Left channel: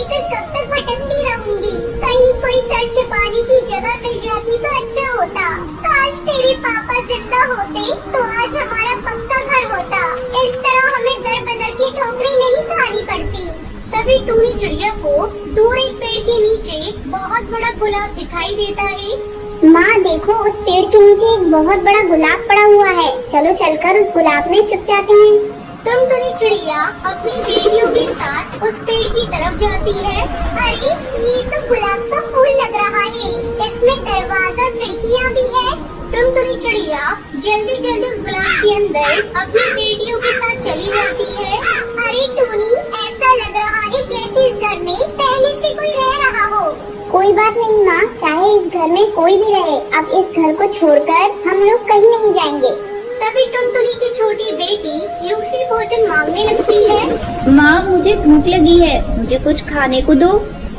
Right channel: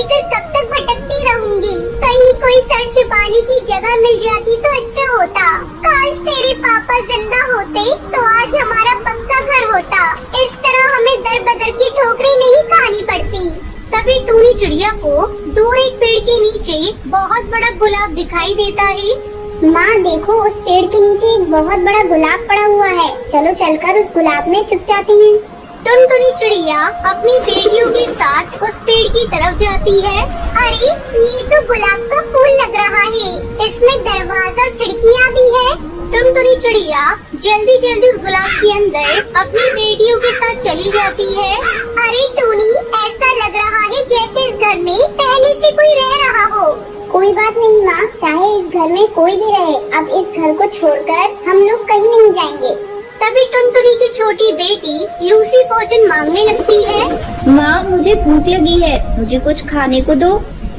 लेकर कब तक भटकती रहूंगी। कहीं कोई सर छिपाने की जगह मिल जाती तो अच्छा होता। काश तेरे पापा जिंदा होते तो आज हमारा पक्का घर होता। इस तरह हमें दर बदर की ठोकरें नहीं खानी पड़ती। तभी टूनी चिड़िया को दूर एक पेड़ के नीचे बहुत बड़ा गुलाब दिखाई देता है। माँ देखो, उस पेड़ के नीचे एक बहुत बड़ा गुलाब पड़ा हुआ है। चलो चलकर उस गुलाब में छुप जाते हैं। टुनटुनी चिड़िया अपनी बेटियों के साथ उस पेड़ की तरफ जाती है। अरे ये तो गुलाब का फूल लग रहा है। इसमें दरवाजा और खिड़कियाँ भी है। टुनटुनी चिड़िया जल्दी जल्दी उस गुलाब के अंदर अपनी बेटियों के साथ चली जाती है। अरे टूनी, ऐसा लग रहा है जैसे इस घर में पहले से कोई रह रहा हो। कोई बात नहीं माँ, चाहे इस घर में कोई भी रहे, अब इस घर को छोड़कर हम लोग कहीं नहीं जाएंगे। तभी टुनटुनी की छोटी बेटी लूसी भोजन मांगने लगती है। माँ मुझे भूख लगी है, मुझे कुछ खाने को दो।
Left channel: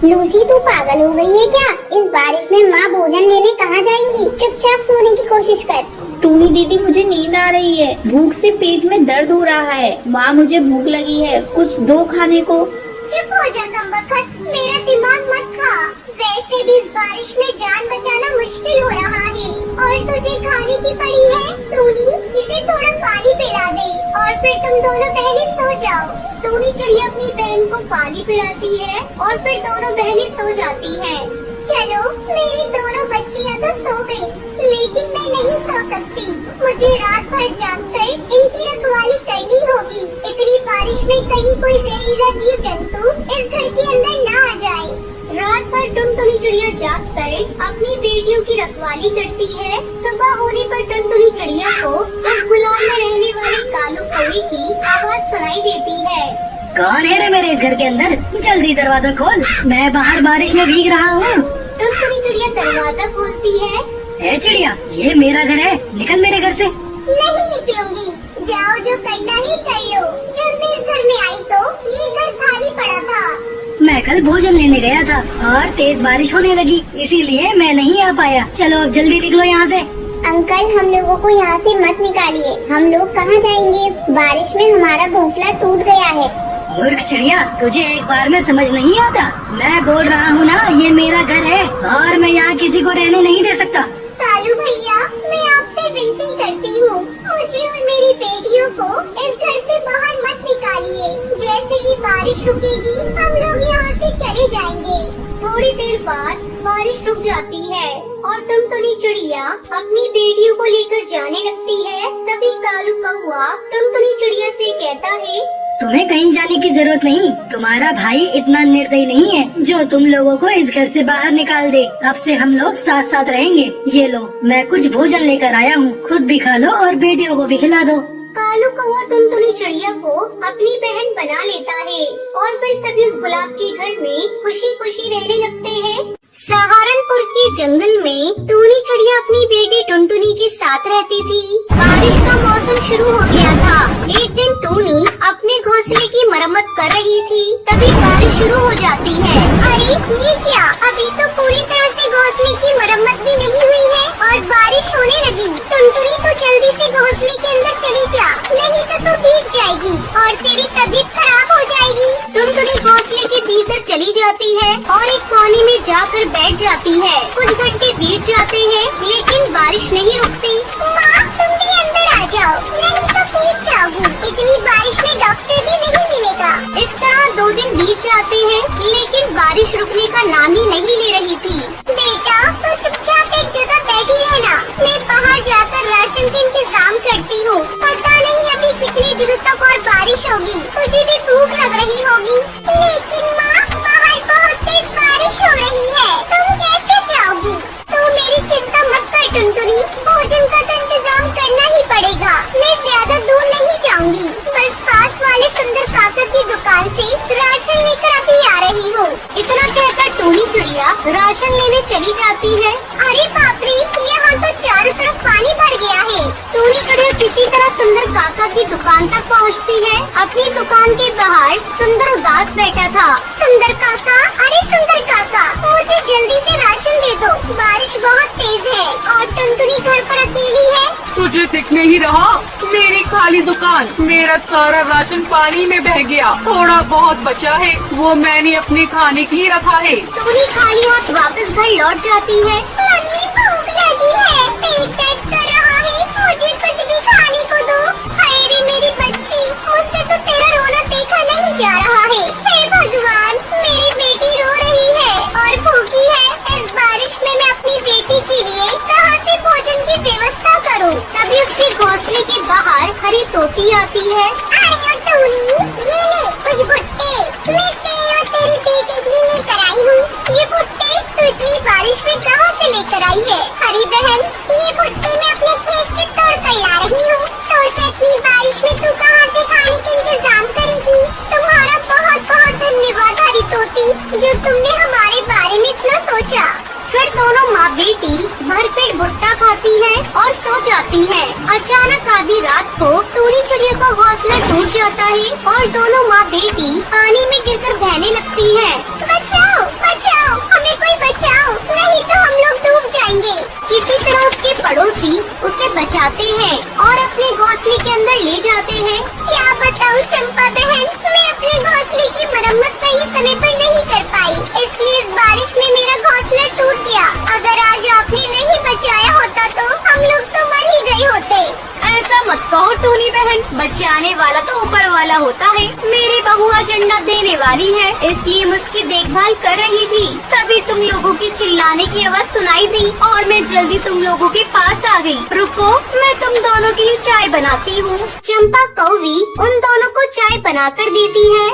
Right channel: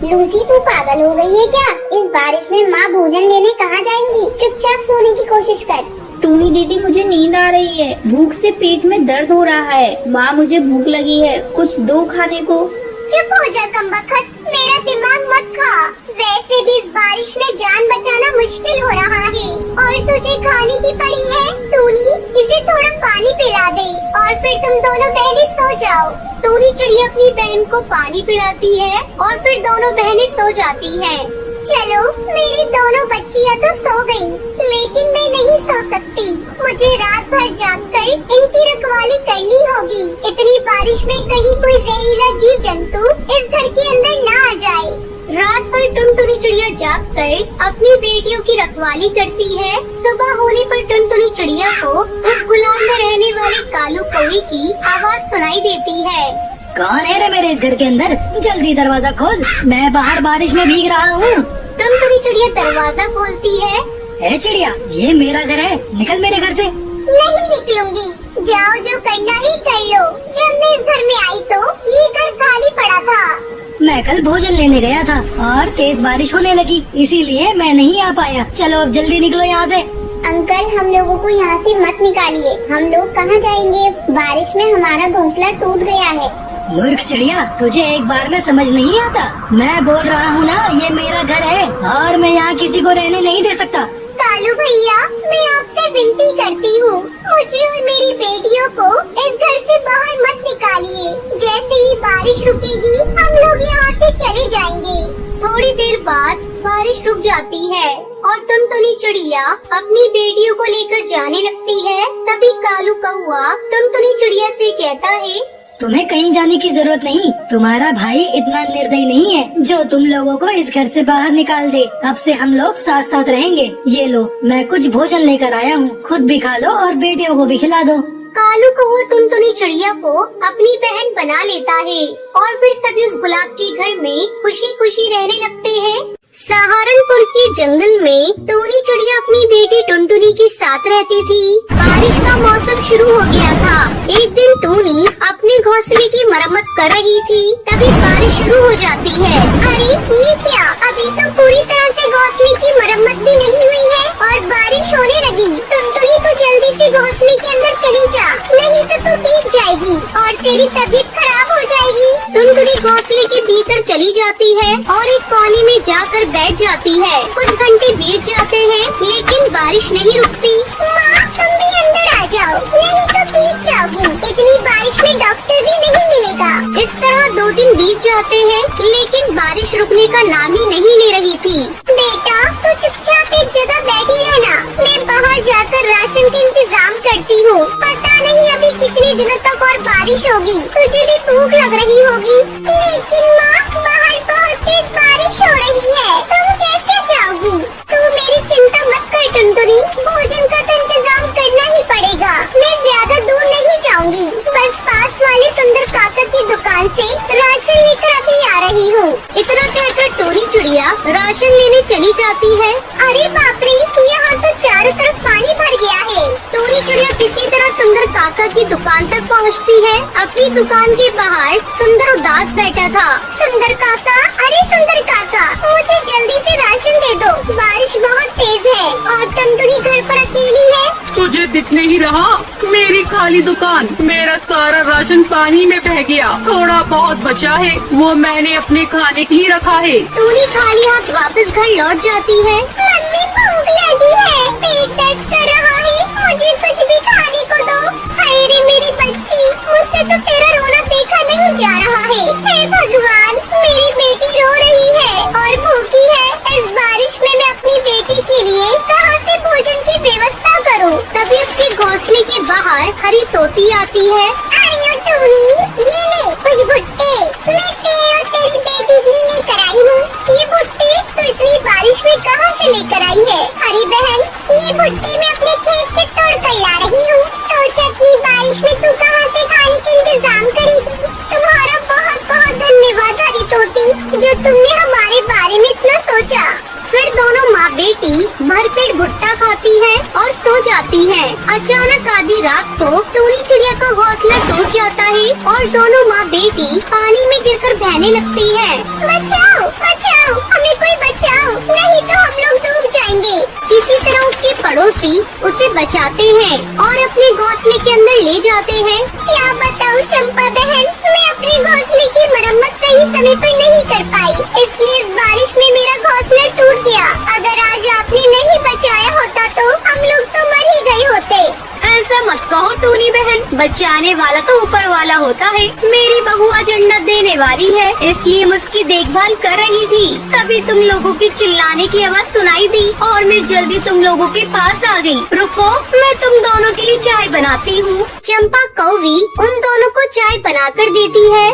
लूसी तो पागल हो गई है क्या? इस बारिश में माँ भोजन लेने कहाँ जाएंगी? चुपचाप सोने की कोशिश कर। टूनी दीदी मुझे नींद आ रही है, भूख से पेट में दर्द हो रहा है। माँ मुझे भूख लगी है, कुछ दो खाने को। चुप हो जा कमबख्त, मेरा दिमाग मत खा। वैसे भी इस बारिश में जान बचाना मुश्किल हो रहा है और तुझे खाने की पड़ी है। टूनी, इसे थोड़ा पानी पिला दे और फिर तुम दोनों बहनें सो जाओ। टूनी चिड़िया अपनी बहन को पानी पिलाती है और फिर दोनों बहनें सो जाती हैं। चलो, मेरी दोनों बच्चियाँ तो सो गयी, लेकिन मैं नहीं सो सकती। मुझे रात भर जागकर इनकी रखवाली करनी होगी। इतनी बारिश में कहीं कोई जहरीला जीव जंतु इस घर के अंदर न आ जाए। रात भर टुनटुनी चिड़िया जागकर अपनी बेटियों की रखवाली करती है। सुबह होने पर टुनटुनी चिड़िया को उस गुलाब में रहने वाले कालू कौवे की आवाज सुनाई देती है। कौन है रे मेरे इस घर के अंदर? जल्दी दरवाजा खोल, मैं बाहर बारिश में भीग रहा हूँ। टुनटुनी चिड़िया दरवाजा खोलती है। ए चिड़िया, ये मेरा घर है, निकल मेरे घर से। नहीं निकलूंगी, जाओ जो करना है कर लो। जब मैं इस घर में आई तो ये घर खाली पड़ा था। मैं कल भोजन लेने गया था और तेज बारिश होने लगी, इसीलिए मैं नहीं आ पाया। चलो जल्दी निकलो यहाँ से। अंकल, हम लोगों को यहाँ से मत निकालिए। हम लोग कहाँ जाएंगे? बारिश में हमारा घोंसला टूट गया है। मूर्ख चिड़िया, तुझे एक बार में समझ नहीं आता? मैं बोल रहा हूँ ना, ये मेरा घर है और मैं यहाँ किसी को रहने नहीं दे सकता। कालू भैया, मैं आपसे विनती करती हूँ, मुझे और मेरी बेटियों को इस घर से बाहर मत निकालिए। जैसे ही बारिश रुकेगी हम लोग यहाँ से चले जाएंगे। थोड़ी देर बाद बारिश रुक जाती है और टुनटुनी चिड़िया अपनी बेटियों को लेकर जाने लगती है। तभी कालू कौवा टुनटुनी चिड़िया से कहता है, तुम्हें कहीं जाने की जरूरत नहीं। तुम्हारा भाई इतना निर्दयी नहीं है जो तुम लोगों को इस घर से बाहर निकाल दे। अब से हम लोग साथ साथ रहेंगे। ये लो, मैं कुछ भोजन लेकर आया हूँ, खुद भी खा लो और बेटियों को भी खिला दो। कालू कौवा टुनटुनी चिड़िया को अपनी बहन बना लेता है और फिर सभी उस गुलाब के घर में खुशी खुशी रहने लगते हैं। सहारनपुर के जंगल में टूनी चिड़िया अपनी बेटी टुनटुनी के साथ रहती थी। बारिश का मौसम शुरू हो गया था। एक दिन टूनी अपने घोंसले की मरम्मत कर रही थी, तभी बारिश शुरू हो जाती है। अरे ये क्या? अभी तो पूरी तरह से घोंसले की मरम्मत भी नहीं हुई है और बारिश होने लगी। टुनटुनी तो जल्दी से घोंसले के अंदर चली जा, नहीं तो तू भीग जाएगी और तेरी तबीयत खराब हो जाएगी। टुनटुनी घोंसले के भीतर चली जाती है और एक कोने में जाकर बैठ जाती है। कुछ घंटे बीत जाते हैं लेकिन बारिश नहीं रुकती। माँ, तुम भी अंदर आ जाओ, नहीं तो भीग जाओगी। इतनी बारिश में डॉक्टर भी नहीं मिलेगा। इस तरह 2 दिन बीत जाते हैं लेकिन बारिश रुकने का नाम ही नहीं ले रही थी। बेटा, तू चुपचाप एक जगह बैठी रहना, मैं बाहर जाकर राशन का इंतजाम करती हूँ। पता नहीं अभी कितने दिनों तक और बारिश होगी। तुझे भी भूख लग रही होगी। लेकिन माँ, बाहर बहुत तेज बारिश हो रही है, तुम कैसे जाओगी? तो मेरी चिंता मत कर टुनटुनी, भोजन का तो इंतजाम करना ही पड़ेगा। मैं ज्यादा दूर नहीं जाऊंगी, बस पास वाले सुंदर काका की दुकान से राशन लेकर अभी आ रही हूँ। इतना कहकर टूनी चिड़िया राशन लेने चली जाती है। अरे बाप रे, यहाँ तो चारों तरफ पानी भर गया है। टूनी चिड़िया किसी तरह सुंदर काका की दुकान तक पहुँचती है। अपनी दुकान के बाहर सुंदर उदास बैठा था। सुंदर काका, अरे सुंदर काका, मुझे जल्दी से राशन दे दो, बारिश बहुत तेज है और टुनटुनी घर पर अकेली है। मुझे दिख नहीं रहा। मेरी खाली दुकान, मेरा सारा राशन पानी में बह गया। थोड़ा बहुत बचा है, वो मैंने अपने खाने के लिए रखा है। टूनी खाली हाथ वापस घर लौट जाती है। मम्मी भूख लगी है, पेट दर्द कर रहा है, मुझे कुछ भी खाने को दो। हाय रे मेरी बच्ची, मुझसे तो तेरा रोना देखा नहीं जा रहा है। हे भगवान, मेरी बेटी रो रही है और भूखी है। इस बारिश में मैं अपनी बेटी के लिए कहाँ से भोजन की व्यवस्था करूँ? तभी उसके घोंसले के बाहर हरी तोती आती है। अरे टूनी, ये ले कुछ भुट्टे, मैं तेरे और तेरी बेटी के लिए लेकर आई हूँ। ये भुट्टे तो इतनी बारिश में कहाँ से लेकर आई है? हरी बहन, ये भुट्टे मैं अपने खेत से तोड़ कर ला रही हूँ। सोचा इतनी बारिश में तू कहाँ से खाने का इंतजाम करेगी। तुम्हारा बहुत बहुत धन्यवाद हरी तोती, जो तुमने हमारे बारे में इतना सोचा। फिर दोनों माँ बेटी भरपेट भुट्टा खाती हैं और सो जाती हैं। अचानक आधी रात को टूनी चिड़िया का घोंसला टूट जाता है और दोनों माँ बेटी पानी में गिरकर बहने लगती है। बचाओ बचाओ, हमें कोई बचाओ, नहीं तो हम लोग डूब जाएंगे। किसी तरह उसके पड़ोसी उसे बचाते हैं और अपने घोंसले के अंदर ले जाते हैं। क्या बताऊँ चंपा बहन, मैं अपने घोंसले की मरम्मत सही समय पर नहीं कर पाई, इसलिए इस बारिश में मेरा घोंसला टूट गया। अगर आज आपने नहीं बचाया होता तो हम लोग तो मर ही गए होते। ऐसा मत कहो टूनी बहन, बचाने वाला तो ऊपर वाला होता है। मेरी बहू आज अंडा देने वाली है, इसलिए मैं उसकी देखभाल कर रही थी। तभी तुम लोगों की चिल्लाने की आवाज सुनाई दी और मैं जल्दी तुम लोगों के पास आ गई। रुको, मैं तुम दोनों के लिए चाय बनाती हूँ। चंपा कौवी उन दोनों को चाय बनाकर देती है।